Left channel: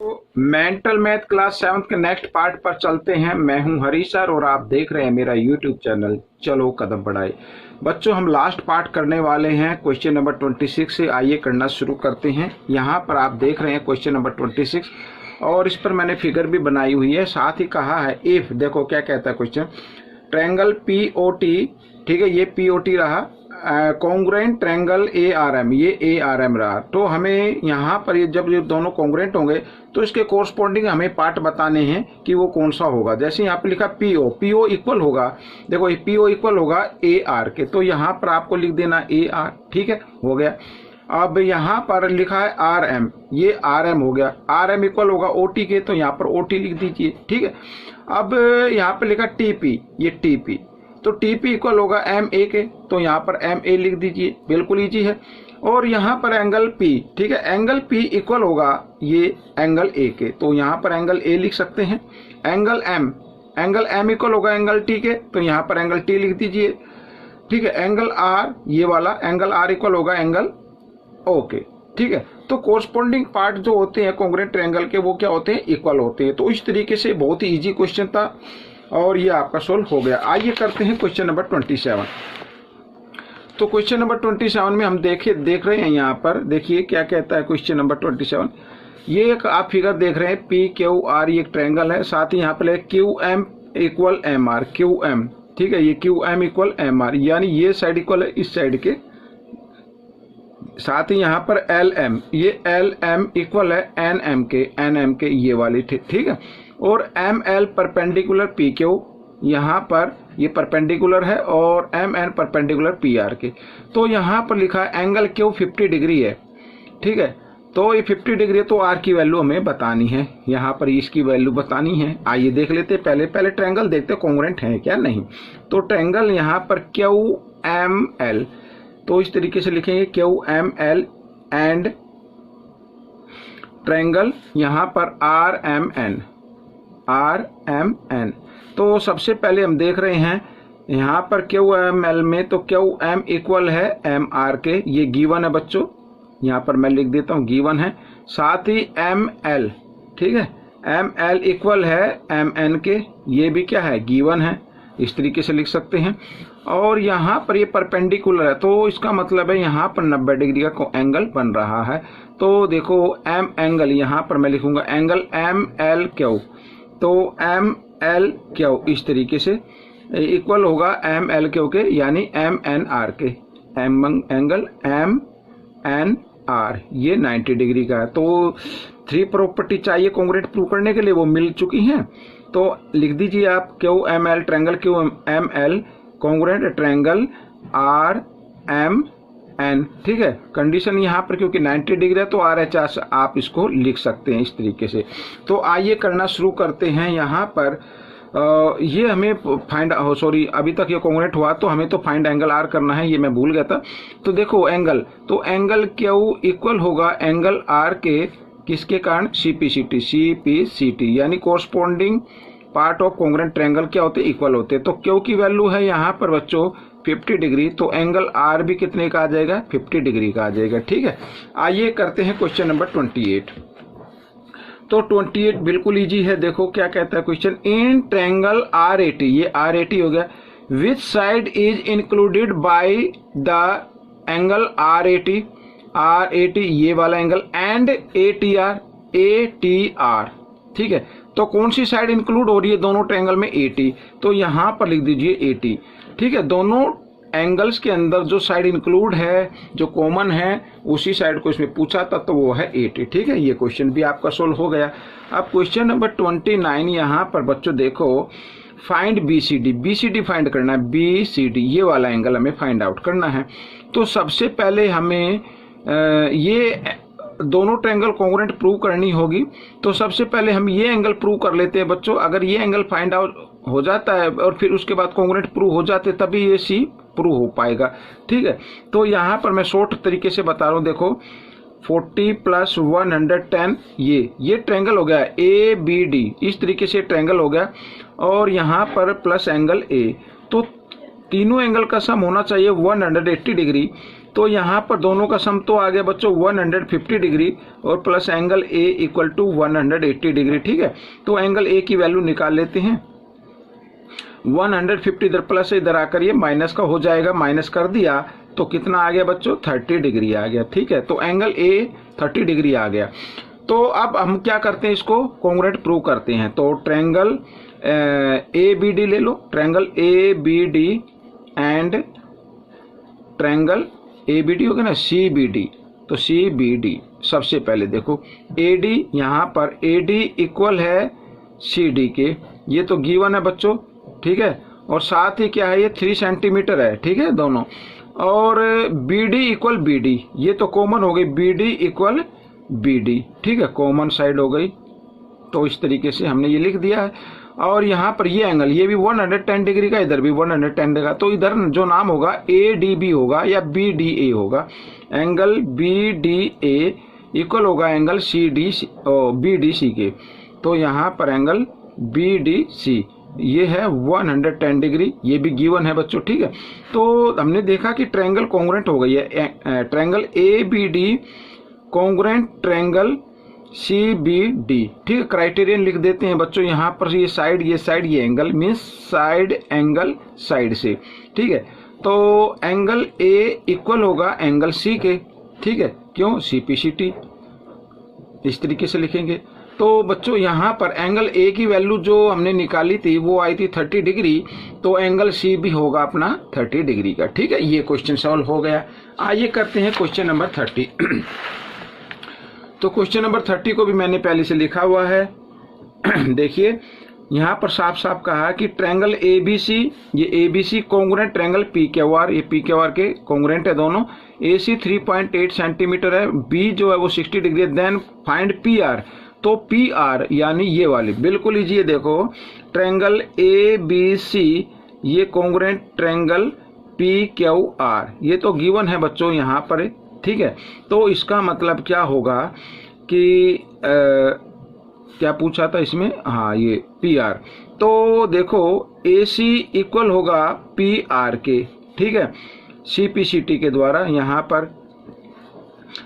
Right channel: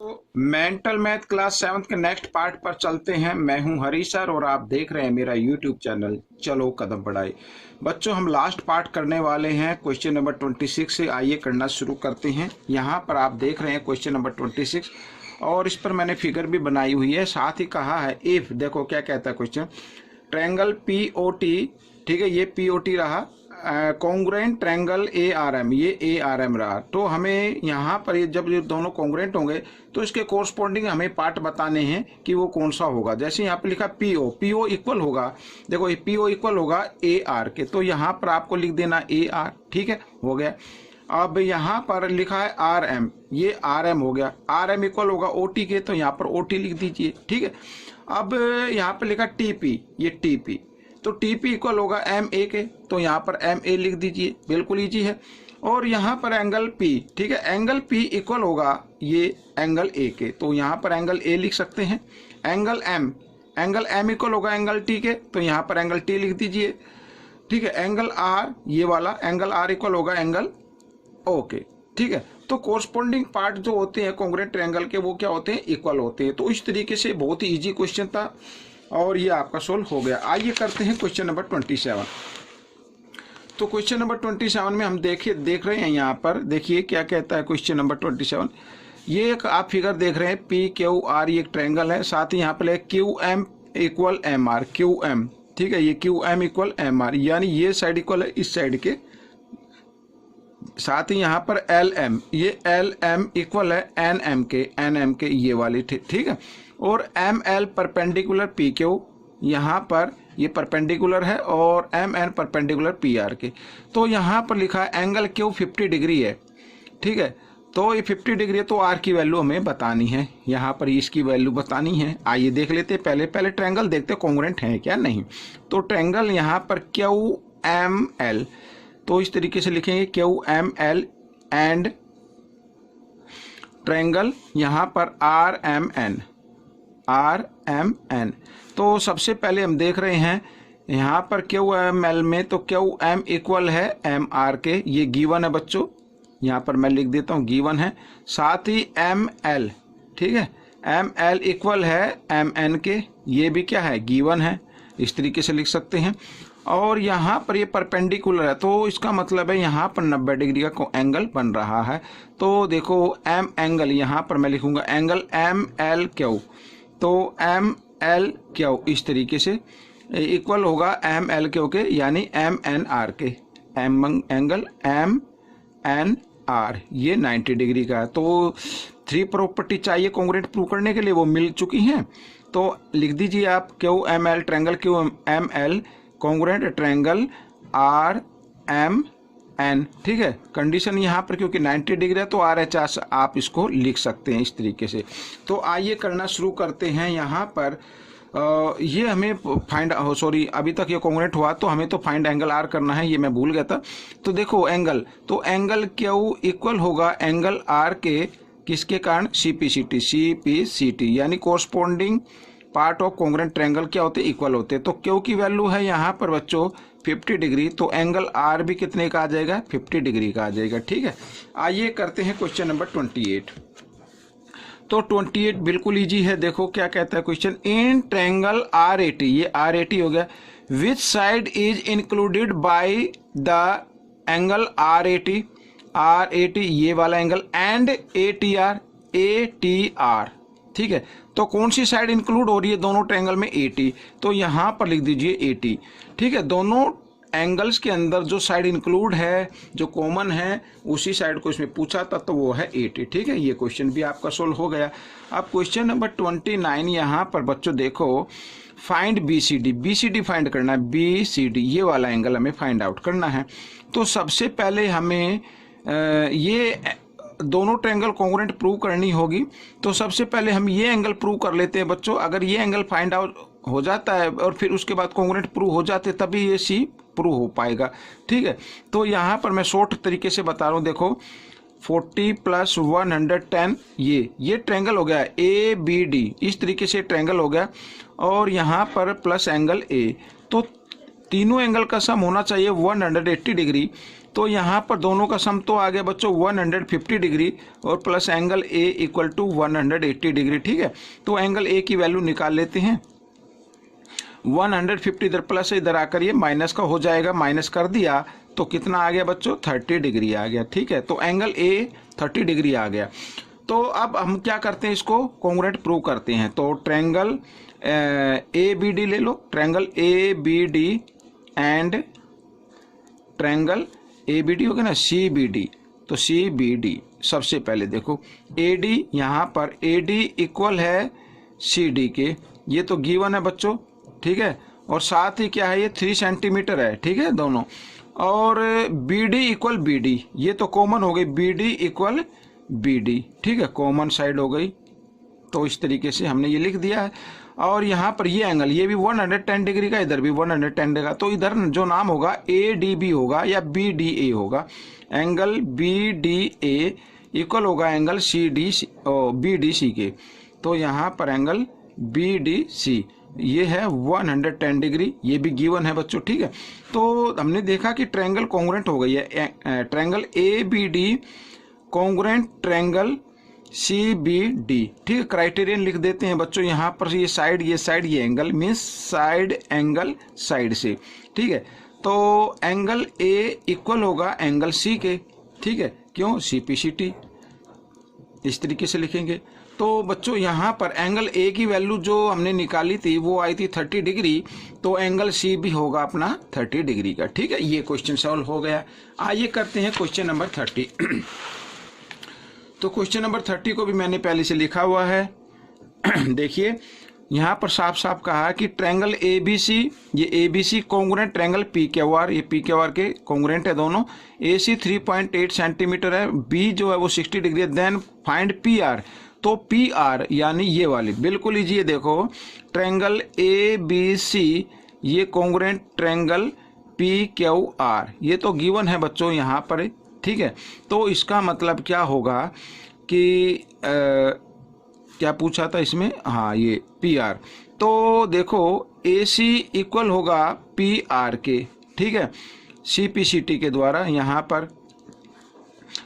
तो mental math class 7th के next part पर चलते हैं। मैं हूं हरीश सर और आप देख रहे हैं मेरा यूट्यूब चैनल चलो कदम बढ़ाए। बच्चों, हम लास्ट पार्ट करने वाले हैं क्वेश्चन नंबर 26 से। आइए करना शुरू करते हैं। यहां पर आप देख रहे हैं क्वेश्चन नंबर 26 और इस पर मैंने फिगर भी बनाई हुई है। साथ ही कहा है इफ, देखो क्या कहता है क्वेश्चन, ट्रायंगल पीओटी, ठीक है, ये पीओटी रहा, कॉन्ग्रुएंट ट्रायंगल एआरएम, ये एआरएम रहा। तो हमें यहाँ पर ये जब ये दोनों कॉन्ग्रुएंट होंगे तो इसके कोरस्पॉन्डिंग हमें पार्ट बताने हैं कि वो कौन सा होगा। जैसे यहाँ पे लिखा पीओ, पीओ इक्वल होगा, देखो ये पीओ इक्वल होगा ए आर के, तो यहाँ पर आपको लिख देना ए आर, ठीक है, हो गया। अब यहाँ पर लिखा है आर एम, ये आर एम हो गया, आर एम इक्वल होगा ओ टी के, तो यहाँ पर ओ टी लिख दीजिए, ठीक है। अब यहाँ पर लिखा टी पी, ये टी पी, तो टी पी इक्वल होगा एम ए के, तो यहाँ पर एम ए लिख दीजिए, बिल्कुल ईजी है। और यहाँ पर एंगल पी, ठीक है, एंगल पी इक्वल होगा ये एंगल ए के, तो यहाँ पर एंगल ए लिख सकते हैं। एंगल एम इक्वल होगा एंगल टी के, तो यहाँ पर एंगल टी लिख दीजिए, ठीक है। एंगल आर, ये वाला एंगल आर इक्वल होगा एंगल ओ के, ठीक है। तो कोरस्पॉन्डिंग पार्ट जो होते हैं कॉन्ग्रुएंट ट्रायंगल के, वो क्या होते हैं, इक्वल होते हैं। तो इस तरीके से बहुत ही ईजी क्वेश्चन था और ये आपका सोल्व हो गया। आइए करते हैं क्वेश्चन नंबर 27। तो क्वेश्चन नंबर 27 में हम देख रहे हैं, यहाँ पर देखिए क्या कहता है क्वेश्चन नंबर 27। ये एक आप फिगर देख रहे हैं, पी क्यू आर, ये एक ट्रायंगल है। साथ ही यहाँ पर Q M equal M R, Q M, ठीक है, ये Q M equal M R, यानी ये साइड इक्वल है इस साइड के। साथ ही यहाँ पर एल एम, ये एल एम इक्वल है एन एम के, ये वाली, ठीक है। और M L perpendicular P Q, यहाँ पर ये परपेंडिकुलर है, और M N perpendicular P R के। तो यहाँ पर लिखा है एंगल क्यू 50 डिग्री है, ठीक है। तो ये 50 डिग्री है, तो आर की वैल्यू हमें बतानी है, यहाँ पर इसकी वैल्यू बतानी है। आइए देख लेते हैं, पहले ट्रायंगल देखते हैं कॉन्ग्रुएंट है क्या नहीं। तो ट्रायंगल यहाँ पर क्यू एम एल, तो इस तरीके से लिखेंगे Q M L, and triangle यहाँ पर आर एम एन। तो सबसे पहले हम देख रहे हैं यहाँ पर क्यू एम एल में, तो क्यू एम इक्वल है एम आर के, ये गिवन है बच्चों, यहाँ पर मैं लिख देता हूँ गिवन है। साथ ही एम एल, ठीक है, एम एल इक्वल है एम एन के, ये भी क्या है, गिवन है, इस तरीके से लिख सकते हैं। और यहाँ पर ये परपेंडिकुलर है, तो इसका मतलब है यहाँ पर 90 डिग्री का एंगल बन रहा है। तो देखो एम एंगल, यहाँ पर मैं लिखूंगा एंगल एम एल क्यू, तो एम एल क्यू इस तरीके से इक्वल होगा एम एल क्यू के, यानी एम एन आर के, एंगल एम एन आर, ये 90 डिग्री का है। तो 3 प्रॉपर्टी चाहिए कॉन्ग्रुएंट प्रूव करने के लिए, वो मिल चुकी हैं। तो लिख दीजिए आप Q M L, triangle Q M L congruent triangle R M N, ठीक है। कंडीशन यहाँ पर क्योंकि 90 डिग्री है, तो आर एच आर आप इसको लिख सकते हैं इस तरीके से। तो आइए करना शुरू करते हैं। यहाँ पर ये हमें फाइंड, सॉरी अभी तक ये कॉन्ग्रुएंट हुआ, तो हमें तो फाइंड एंगल आर करना है, ये मैं भूल गया था। तो देखो एंगल, तो एंगल क्यू इक्वल होगा एंगल आर के, किसके कारण, सीपीसीटी, यानी corresponding part of congruent triangle क्या होते हैं, इक्वल होते हैं। तो क्यू की वैल्यू है यहाँ पर बच्चों 50 डिग्री, तो एंगल आर भी कितने का आ जाएगा, 50 डिग्री का आ जाएगा, ठीक है। आइए करते हैं क्वेश्चन नंबर 28। तो 28 बिल्कुल इजी है। देखो क्या कहता है question, in triangle R A T, ये आर ए टी हो गया, which side is included by the angle R A T, ये वाला angle, and A T R, ठीक है। तो कौन सी साइड इंक्लूड हो रही है दोनों ट्रायंगल में, ए टी, तो यहाँ पर लिख दीजिए ए टी, ठीक है। दोनों एंगल्स के अंदर जो साइड इंक्लूड है, जो कॉमन है, उसी साइड को इसमें पूछा था, तो वो है 80, ठीक है। ये क्वेश्चन भी आपका सोल्व हो गया। अब क्वेश्चन नंबर 29, यहाँ पर बच्चों देखो, फाइंड बीसीडी फाइंड करना है, बीसीडी ये वाला एंगल हमें फाइंड आउट करना है। तो सबसे पहले हमें ये दोनों ट्रायंगल कॉन्ग्रुएंट प्रूव करनी होगी। तो सबसे पहले हम ये एंगल प्रूव कर लेते हैं बच्चों। अगर ये एंगल फाइंड आउट हो जाता है और फिर उसके बाद कॉन्ग्रुएंट प्रूव हो जाते, तभी ये सी प्रूव हो पाएगा, ठीक है। तो यहाँ पर मैं शॉर्ट तरीके से बता रहा हूँ, देखो 40 + 110, ये ट्रायंगल हो गया ए बी डी, इस तरीके से ट्रायंगल हो गया। और यहाँ पर प्लस एंगल ए, तो तीनों एंगल का सम होना चाहिए 180 डिग्री। तो यहाँ पर दोनों का सम तो आ गया बच्चों 150 डिग्री और plus angle A equal to 180 degree. ठीक है, तो एंगल ए की वैल्यू निकाल लेते हैं। 150 इधर प्लस इधर आकर ये माइनस का हो जाएगा, माइनस कर दिया तो कितना आ गया बच्चों 30 डिग्री आ गया। ठीक है, तो एंगल ए 30 डिग्री आ गया। तो अब हम क्या करते हैं, इसको कॉन्ग्रुएंट प्रूव करते हैं। तो ट्रायंगल ए बी डी ले लो, triangle A B D and triangle A B D हो गया ना सी बी डी। तो सी बी डी सबसे पहले देखो ए डी, यहाँ पर ए डी इक्वल है सी डी के, ये तो गिवन है बच्चों। ठीक है, और साथ ही क्या है ये 3 सेंटीमीटर है। ठीक है दोनों, और B D equal B D, ये तो कॉमन हो गई, B D equal B D. ठीक है, कॉमन साइड हो गई। तो इस तरीके से हमने ये लिख दिया है। और यहाँ पर ये एंगल ये भी 110 डिग्री का, इधर भी 110 डिग्री का, तो इधर जो नाम होगा ए डी बी होगा या बी डी ए होगा। Angle B D A equal होगा angle C D B D C के। तो यहाँ पर एंगल बी डी सी ये है 110 डिग्री, ये भी गिवन है बच्चों। ठीक है, तो हमने देखा कि ट्रायंगल कॉन्ग्रुएंट हो गई है। Triangle A B D congruent triangle C B D. ठीक है, क्राइटेरियन लिख देते हैं बच्चों। यहाँ पर ये साइड ये angle means side angle side से। ठीक है, तो एंगल ए इक्वल होगा एंगल सी के। ठीक है, क्यों सी पी सी टी, इस तरीके से लिखेंगे। तो बच्चों यहाँ पर एंगल ए की वैल्यू जो हमने निकाली थी वो आई थी 30 डिग्री, तो एंगल सी भी होगा अपना 30 डिग्री का। ठीक है, ये क्वेश्चन सॉल्व हो गया। आइए करते हैं क्वेश्चन नंबर 30। तो क्वेश्चन नंबर 30 को भी मैंने पहले से लिखा हुआ है। देखिए यहाँ पर साफ साफ कहा कि ट्रायंगल ए बी सी, ये A B C congruent triangle P Q R, ये पी क्यू आर के कॉन्ग्रुएंट है दोनों। ए सी 3.8 सेंटीमीटर है, बी जो है वो 60 डिग्री है। देन फाइंड पी आर, तो पी आर यानी ये वाली बिल्कुल लीजिए। देखो ट्रायंगल ए बी सी ये congruent triangle P Q R, ये तो गिवन है बच्चों यहाँ पर। ठीक है, तो इसका मतलब क्या होगा कि क्या पूछा था इसमें, हाँ ये पी आर। तो देखो ए सी इक्वल होगा पी आर के। ठीक है, सी पी सी टी के द्वारा यहाँ पर।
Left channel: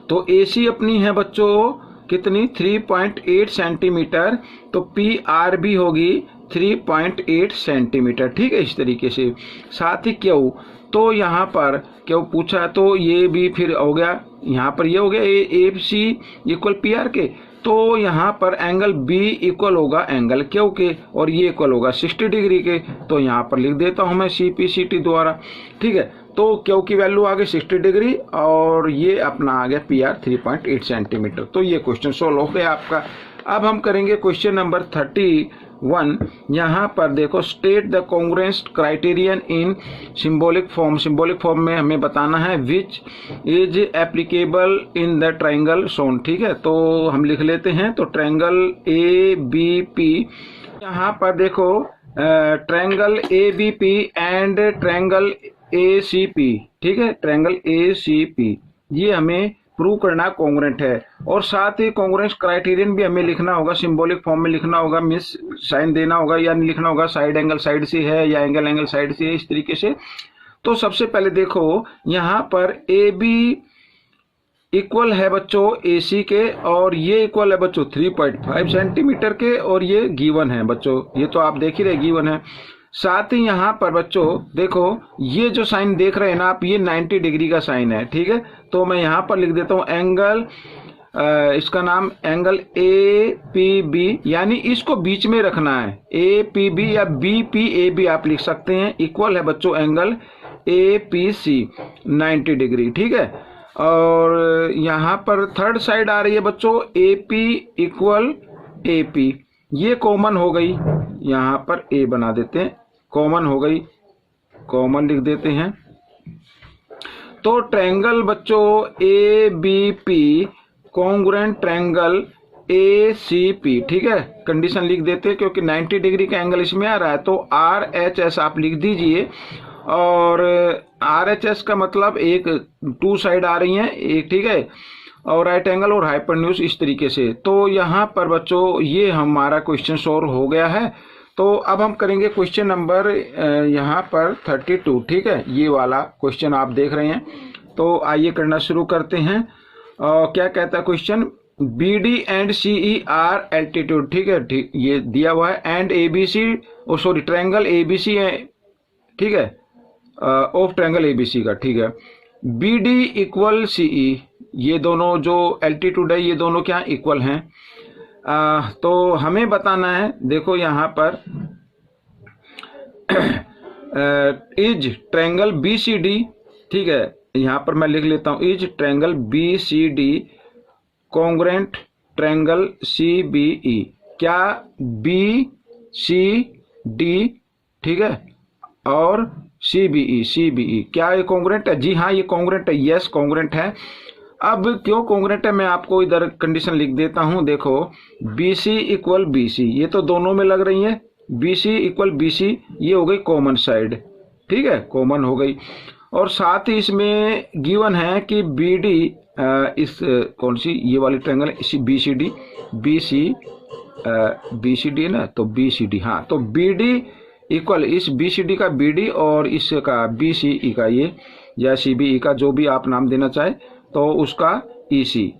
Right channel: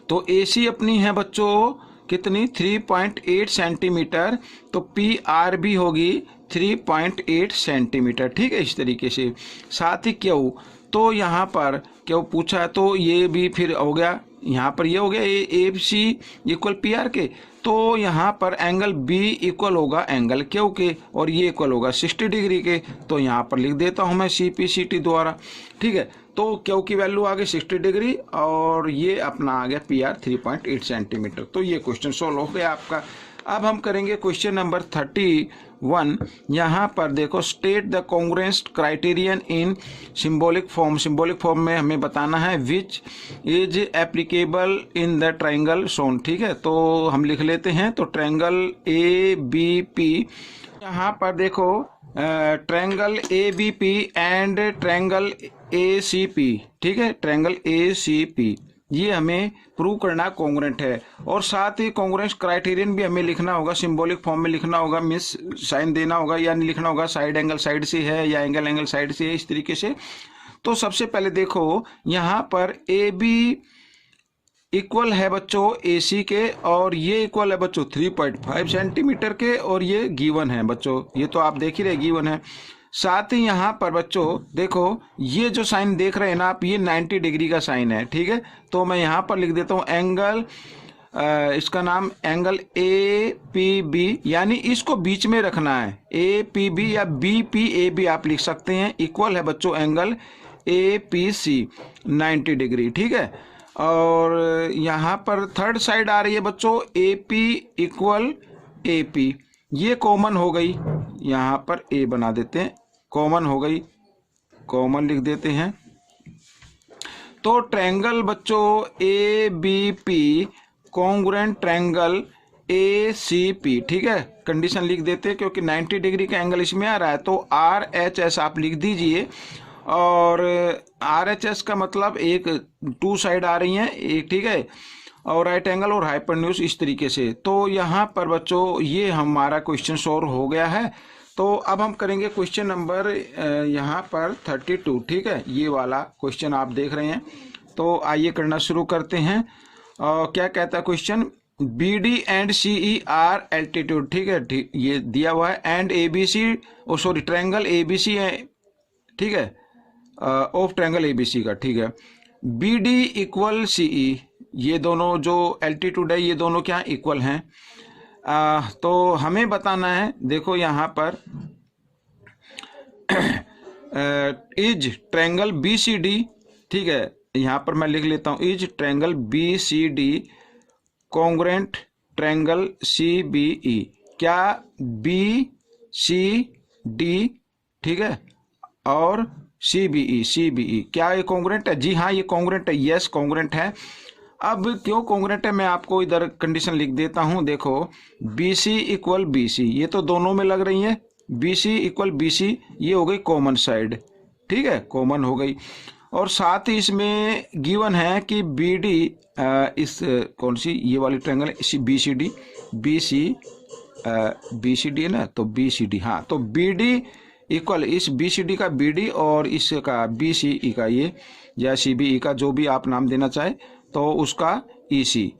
तो ए सी अपनी है बच्चों कितनी 3.8 सेंटीमीटर, तो पी आर भी होगी 3.8 सेंटीमीटर। ठीक है, इस तरीके से। साथ ही क्यू, तो यहाँ पर क्यू पूछा तो ये भी फिर हो गया, यहाँ पर ये हो गया ए सी इक्वल पी आर के। तो यहाँ पर एंगल बी इक्वल होगा एंगल क्यू के, और ये इक्वल होगा 60 डिग्री के। तो यहाँ पर लिख देता हूँ मैं सी पी सी टी द्वारा। ठीक है, तो क्यू की वैल्यू आ गई 60 डिग्री और ये अपना आ गया पी आर 3.8 सेंटीमीटर। तो ये क्वेश्चन सोल्व हो गया आपका। अब हम करेंगे क्वेश्चन नंबर 31। यहाँ पर देखो state the congruence criterion in symbolic form. Symbolic form में हमें बताना है which is applicable in the triangle shown. ठीक है, तो हम लिख लेते हैं। तो ट्रायंगल ए बी पी, यहाँ पर देखो triangle A B P and triangle A C P. ठीक है, ट्रायंगल ए सी पी ये हमें प्रूव करना कॉन्ग्रुएंट है। और साथ ही कॉन्ग्रुएंस क्राइटेरियन भी हमें लिखना होगा, सिंबॉलिक फॉर्म में लिखना होगा, मिस साइन देना होगा, यानी लिखना होगा साइड एंगल साइड से है या एंगल एंगल साइड से है, इस तरीके से। तो सबसे पहले देखो यहाँ पर ए बी इक्वल है बच्चों ए सी के, और ये इक्वल है बच्चों 3.5 सेंटीमीटर के, और ये गिवन है बच्चों, ये तो आप देख ही रहे गिवन है। साथ ही यहाँ पर बच्चों देखो ये जो साइन देख रहे हैं ना आप, ये 90 डिग्री का साइन है। ठीक है, तो मैं यहाँ पर लिख देता हूँ एंगल, इसका नाम एंगल ए पी बी, यानी इसको बीच में रखना है, ए पी बी या बी पी ए बी आप लिख सकते हैं। इक्वल है बच्चों angle A P C 90 degree. ठीक है, और यहाँ पर थर्ड साइड आ रही है बच्चों A P equal A P, ये कॉमन हो गई, यहाँ पर ए बना देते हैं, कॉमन हो गई, कॉमन लिख देते हैं। तो ट्रायंगल बच्चों A B P congruent triangle A C P. ठीक है, कंडीशन लिख देते हैं क्योंकि 90 डिग्री का एंगल इसमें आ रहा है, तो आर एच एस आप लिख दीजिए। और आर एच एस का मतलब एक 2 साइड आ रही हैं एक, ठीक है, और राइट एंगल और हाइपोटेन्यूज इस तरीके से। तो यहाँ पर बच्चों ये हमारा क्वेश्चन सॉल्व हो गया है। तो अब हम करेंगे क्वेश्चन नंबर यहाँ पर 32। ठीक है, ये वाला क्वेश्चन आप देख रहे हैं तो आइए करना शुरू करते हैं। क्या कहता है question, B D and C E are altitude, ठीक है, ठीक, ये दिया हुआ है, and A B C, sorry triangle A B C है, ठीक है, of triangle A B C का, ठीक है, B D equal C E, ये दोनों जो एल्टीट्यूड है ये दोनों क्या इक्वल हैं। तो हमें बताना है, देखो यहाँ पर is triangle B C D, ठीक है, यहाँ पर मैं लिख लेता हूँ, is triangle B C D congruent triangle C B E, क्या बी सी डी, ठीक है, और सी बी ई क्या ये कॉन्ग्रुएंट है? जी हाँ, ये कॉन्ग्रुएंट है, यस कॉन्ग्रुएंट है। अब क्यों कॉन्ग्रुएंट है मैं आपको इधर कंडीशन लिख देता हूं। देखो B C equal B C, ये तो दोनों में लग रही है, B C equal B C, ये हो गई कॉमन साइड, ठीक है, कॉमन हो गई। और साथ ही इसमें गिवन है कि बी डी, इस कौन सी ये वाली ट्रायंगल है B C D, B C D है ना, तो बी सी डी, हाँ, तो बी डी इक्वल इस बी सी डी का बी डी और इसका बी सी ई का ये, या सी बी ई का जो भी आप नाम देना चाहे, तो उसका ई सी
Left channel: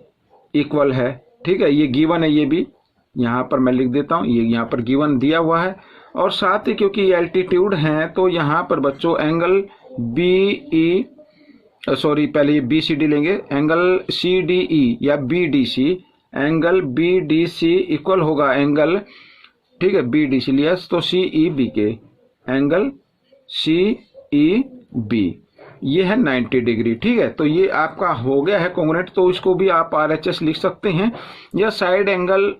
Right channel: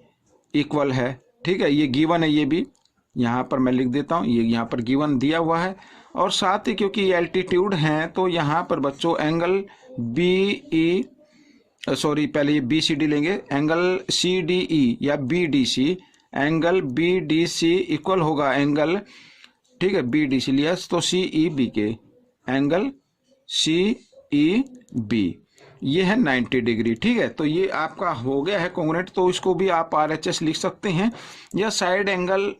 इक्वल है, ठीक है, ये गिवन है, ये भी यहाँ पर मैं लिख देता हूँ, ये यहाँ पर गिवन दिया हुआ है। और साथ ही क्योंकि ये एल्टीट्यूड हैं तो यहाँ पर बच्चों एंगल बी ई, सॉरी पहले ये बी सी डी लेंगे, एंगल सी डी ई या B D C, angle B D C equal होगा एंगल, ठीक है, बी डी सी लिया तो सी ई बी के, एंगल सी ई बी, ये है 90 डिग्री, ठीक है। तो ये आपका हो गया है कॉन्ग्रुएंट, तो इसको भी आप RHS लिख सकते हैं, या साइड एंगल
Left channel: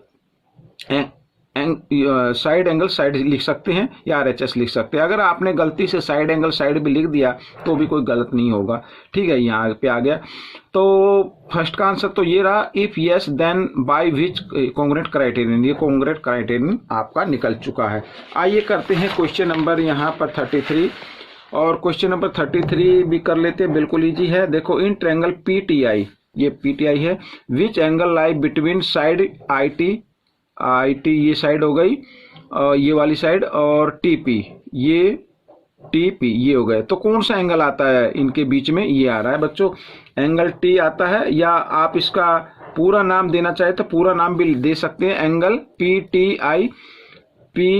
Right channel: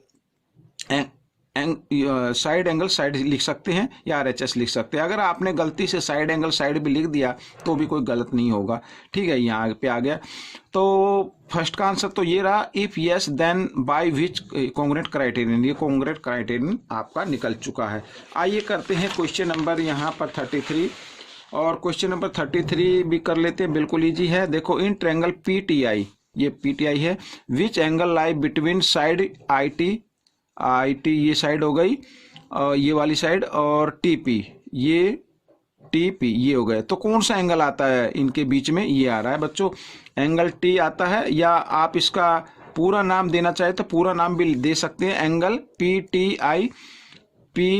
साइड लिख सकते हैं, या RHS लिख सकते हैं। अगर आपने गलती से साइड एंगल साइड भी लिख दिया तो भी कोई गलत नहीं होगा, ठीक है, यहाँ पे आ गया। तो फर्स्ट का आंसर तो ये रहा, if yes then by which congruent criterion, ये कॉन्ग्रुएंट क्राइटेरियन आपका निकल चुका है। आइए करते हैं क्वेश्चन नंबर यहाँ पर 33, और क्वेश्चन नंबर 33 भी कर लेते हैं, बिल्कुल इजी है। देखो in triangle P T I, ये पी टी आई है, which angle lie between side I T ये साइड हो गई, ये वाली साइड, और टी पी ये हो गए, तो कौन सा एंगल आता है इनके बीच में? ये आ रहा है बच्चों, एंगल टी आता है, या आप इसका पूरा नाम देना चाहे तो पूरा नाम भी दे सकते हैं, एंगल पी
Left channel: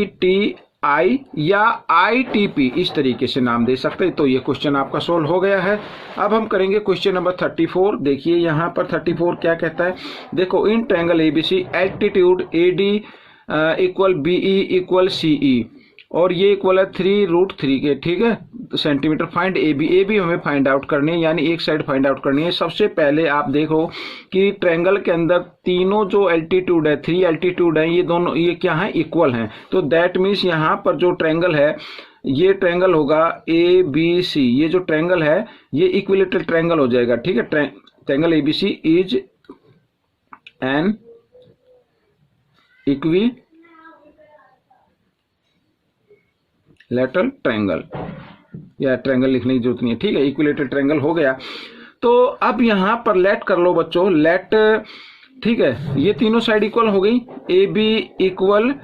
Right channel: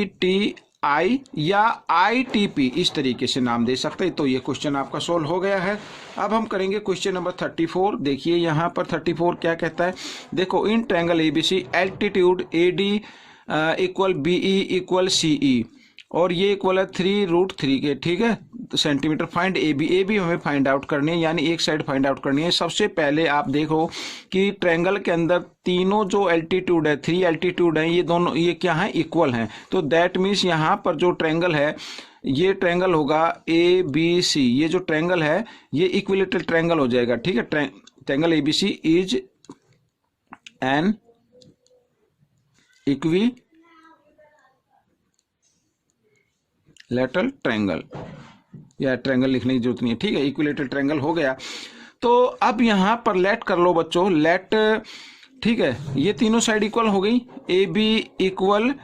टी आई या ITP, इस तरीके से नाम दे सकते हैं। तो ये क्वेश्चन आपका सोल्व हो गया है। अब हम करेंगे क्वेश्चन नंबर 34। देखिए यहाँ पर 34 क्या कहता है, देखो in triangle ABC altitude AD equal BE equal CE, और ये इक्वल है 3√3 के, ठीक है, तो सेंटीमीटर। फाइंड AB हमें फाइंड आउट करनी है, यानी एक साइड फाइंड आउट करनी है। सबसे पहले आप देखो कि ट्रायंगल के अंदर तीनों जो एल्टीट्यूड है, 3 एल्टीट्यूड है, ये दोनों ये क्या है, इक्वल हैं। तो दैट मीन्स यहाँ पर जो ट्रायंगल है, ये ट्रायंगल होगा ABC, ये जो ट्रायंगल है ये इक्विलेटरल ट्रायंगल हो जाएगा, ठीक है। Triangle ABC is an equilateral triangle, या ट्रायंगल लिखने की जरूरत नहीं है, ठीक है, इक्विलेटरल ट्रायंगल हो गया। तो अब यहाँ पर लेट कर लो बच्चों, लेट, ठीक है, ये तीनों साइड इक्वल हो गई, AB equal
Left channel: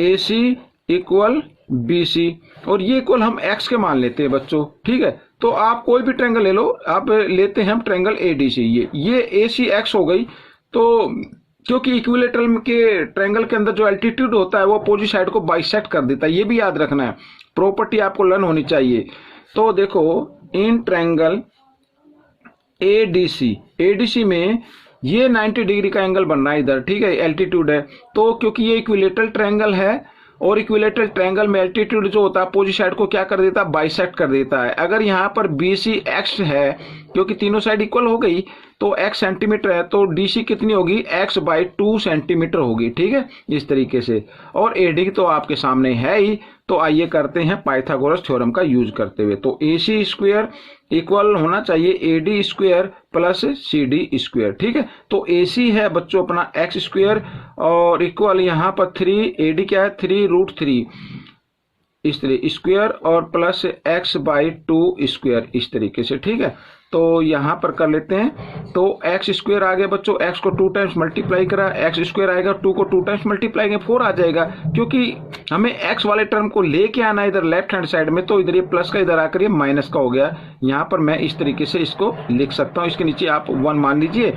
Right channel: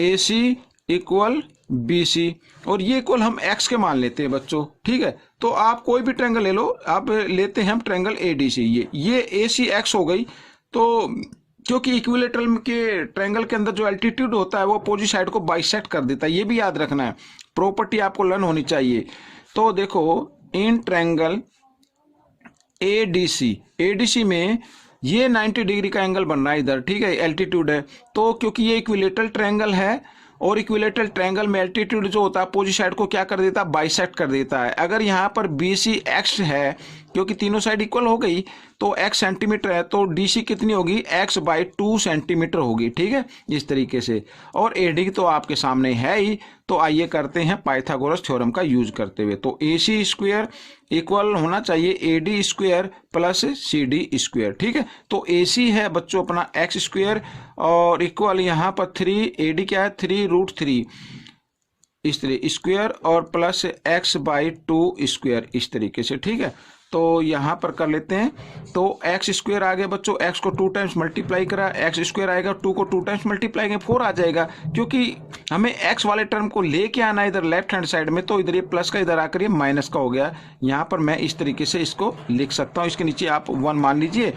AC equal BC, और ये इक्वल हम x के मान लेते हैं बच्चों, ठीक है। तो आप कोई भी ट्रायंगल ले लो, आप लेते हैं हम ट्रायंगल ADC, ये ACX हो गई। तो क्योंकि इक्विलेटरल के ट्रायंगल के अंदर जो एल्टीट्यूड होता है वो अपोजिट साइड को बाइसेक्ट कर देता है, ये भी याद रखना है, प्रॉपर्टी आपको लर्न होनी चाहिए। तो देखो इन ट्रायंगल ADC में ये 90 डिग्री का एंगल बन रहा है इधर, ठीक है, एल्टीट्यूड है। तो क्योंकि ये इक्विलेटरल ट्रायंगल है, और इक्विलेटरल ट्रायंगल में एल्टीट्यूड जो होता है अपोजिट साइड को क्या कर देता है, बाइसेक्ट कर देता है। अगर यहाँ पर BCX है, क्योंकि तीनों साइड इक्वल हो गई, तो x सेंटीमीटर है, तो DC कितनी होगी, x/2 सेंटीमीटर होगी, ठीक है, इस तरीके से। और AD तो आपके सामने है ही। तो आइए करते हैं पाइथागोरस थ्योरम का यूज करते हुए। तो AC स्क्वायर इक्वल होना चाहिए AD square plus CD square, ठीक है। तो AC है बच्चों अपना x स्क्वायर, और इक्वल यहाँ पर 3, AD क्या है 3√3 इस तरह स्क्वायर, और प्लस x/2 स्क्वायर इस तरीके से, ठीक है। तो यहाँ पर कर लेते हैं। तो एक्स स्क्वायर आ गया बच्चों, एक्स को 2 टाइम्स मल्टीप्लाई करा, एक्स स्क्वायर आएगा, 2 को 2 टाइम्स मल्टीप्लाई करेंगे 4 आ जाएगा, क्योंकि हमें एक्स वाले टर्म को लेके आना है इधर लेफ्ट हैंड साइड में, तो इधर ये प्लस का इधर आकर ये माइनस का हो गया। यहाँ पर मैं इस तरीके से इसको लिख सकता हूँ, इसके नीचे आप 1 मान लीजिए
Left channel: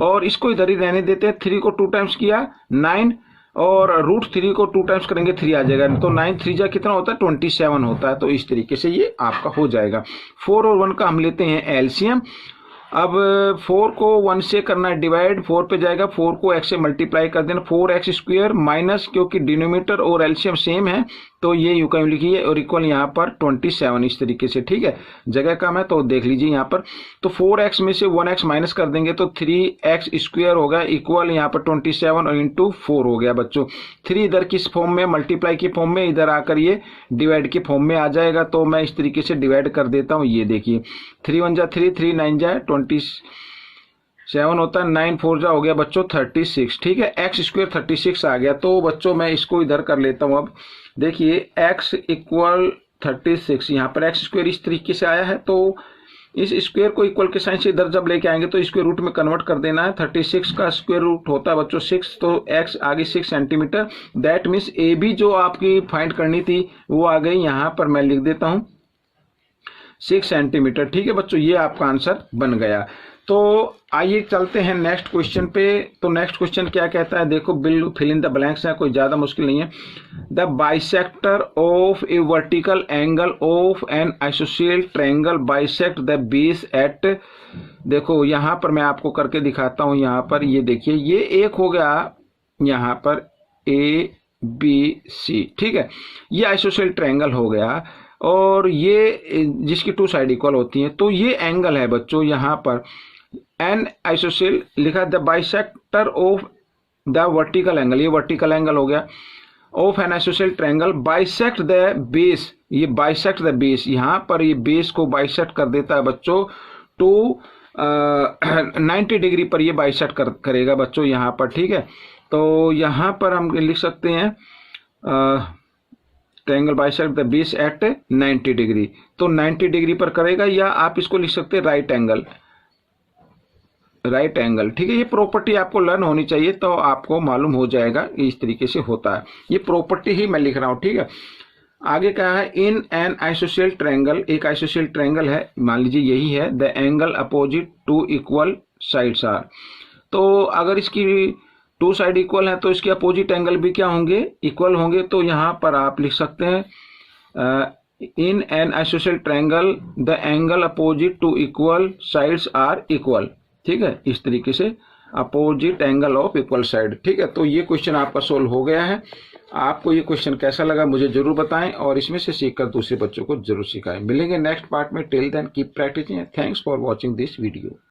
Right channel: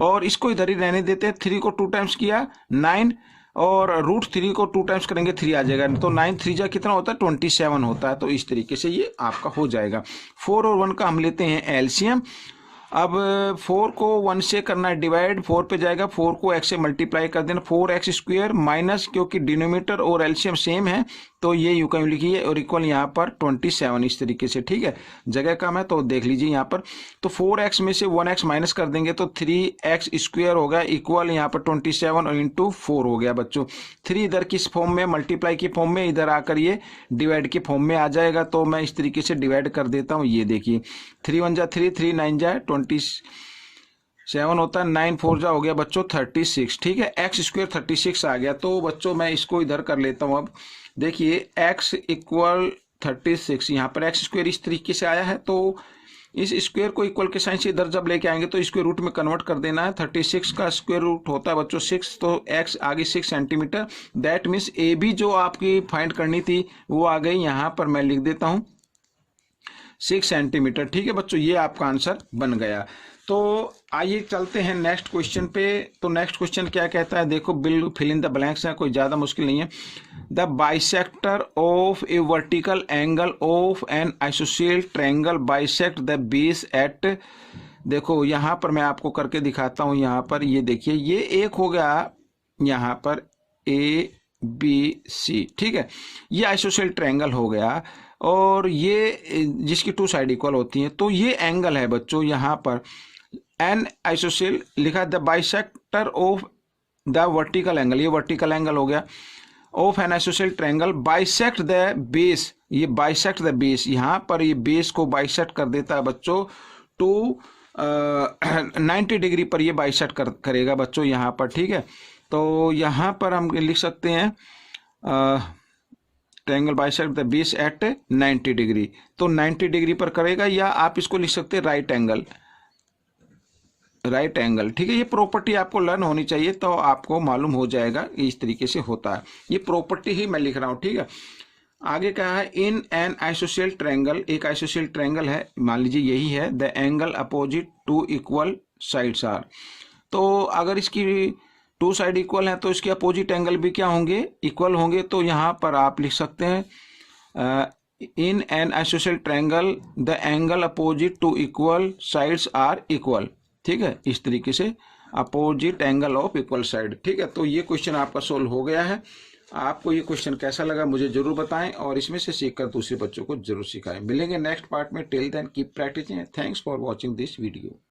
और इसको इधर ही रहने देते हैं। 3 को 2 टाइम्स किया 9 और √3 को 2 टाइम्स करेंगे 3 आ जाएगा, तो 9 3 जा कितना होता है 27 होता है। तो इस तरीके से ये आपका हो जाएगा। 4 और 1 का हम लेते हैं एलसीएम। अब 4 को 1 से करना है डिवाइड, 4 पे जाएगा, 4 को x से मल्टीप्लाई कर देना, 4x स्क्वायर माइनस, क्योंकि डिनोमिनेटर और एलसीएम सेम है तो ये यूं कहीं लिखिए, और इक्वल यहाँ पर 27 इस तरीके से, ठीक है, जगह कम है तो देख लीजिए यहाँ पर। तो 4x में से 1x माइनस कर देंगे तो 3x स्क्वायर हो गया, इक्वल यहाँ पर 27 और इंटू 4 हो गया बच्चों। 3 इधर किस फॉर्म में, मल्टीप्लाई की फॉर्म में, इधर आकर ये डिवाइड की फॉर्म में आ जाएगा। तो मैं इस तरीके से डिवाइड कर देता हूँ, ये देखिए 3 1 जा 3, 3 9 जा 27 होता है, 9 4 जा हो गया बच्चों 36, ठीक है, एक्स स्क्वायर 36 आ गया। तो बच्चों मैं इसको इधर कर लेता हूँ। अब देखिए x इक्वल 36, यहाँ पर एक्स स्क्वायर इस तरीके से आया है, तो इस स्क्वायर को इक्वल के साइन से इधर जब लेके आएंगे तो स्क्वायर रूट में कन्वर्ट कर देना है। 36 का स्क्वायर रूट होता है बच्चों 6, तो x आगे 6 centimetre, that means A B जो आपकी फाइंड करनी थी वो आ गई, यहाँ पर मैं लिख देता हूँ 6 सेंटीमीटर, ठीक है बच्चों, ये आपका आंसर बन गया। तो आइए चलते हैं नेक्स्ट क्वेश्चन पे। तो नेक्स्ट क्वेश्चन क्या कहता है, देखो बिल फिल इन द ब्लैंक्स है, कोई ज़्यादा मुश्किल नहीं है। The bisector of a vertical angle of an isosceles triangle bisect the base at, देखो यहाँ पर मैं आपको करके दिखाता हूँ। यहाँ पर ये देखिए, ये एक हो गया यहाँ पर ABC, ठीक है, ये आइसोसेल ट्रायंगल हो गया, और ये जिसकी 2 साइड इक्वल होती हैं, तो ये एंगल है बच्चों यहाँ पर एन आइसोसेल लिखा, the bisector of the vertical angle, ये वर्टिकल एंगल हो गया, of an isosceles triangle bisect the base, ये बाइसेक्ट द बेस, यहाँ पर ये बेस को बाइसेक्ट कर देता है बच्चों टू 90 डिग्री पर ये बाइसेक्ट करेगा बच्चों यहाँ पर, ठीक है। तो यहाँ पर हम लिख सकते हैं triangle bisect the base at 90 degree, तो 90 डिग्री पर करेगा, या आप इसको लिख सकते हैं राइट एंगल, ठीक है। ये प्रॉपर्टी आपको लर्न होनी चाहिए तो आपको मालूम हो जाएगा इस तरीके से होता है, ये प्रॉपर्टी ही मैं लिख रहा हूँ, ठीक है। आगे क्या है, इन एन आइसोसेल ट्रायंगल, एक आइसोसेल ट्रायंगल है, मान लीजिए यही है, the angle opposite 2 equal sides are, तो अगर इसकी 2 साइड इक्वल है तो इसके अपोजिट एंगल भी क्या होंगे, इक्वल होंगे। तो यहाँ पर आप लिख सकते हैं in an isosceles triangle the angle opposite 2 equal sides are equal, ठीक है, इस तरीके से opposite angle of equal side, ठीक है। तो ये क्वेश्चन आपका सोल्व हो गया है। आपको ये क्वेश्चन कैसा लगा मुझे जरूर बताएं, और इसमें से सीखकर दूसरे बच्चों को जरूर सिखाएं। मिलेंगे नेक्स्ट पार्ट में, till then keep practising, thanks for watching this video.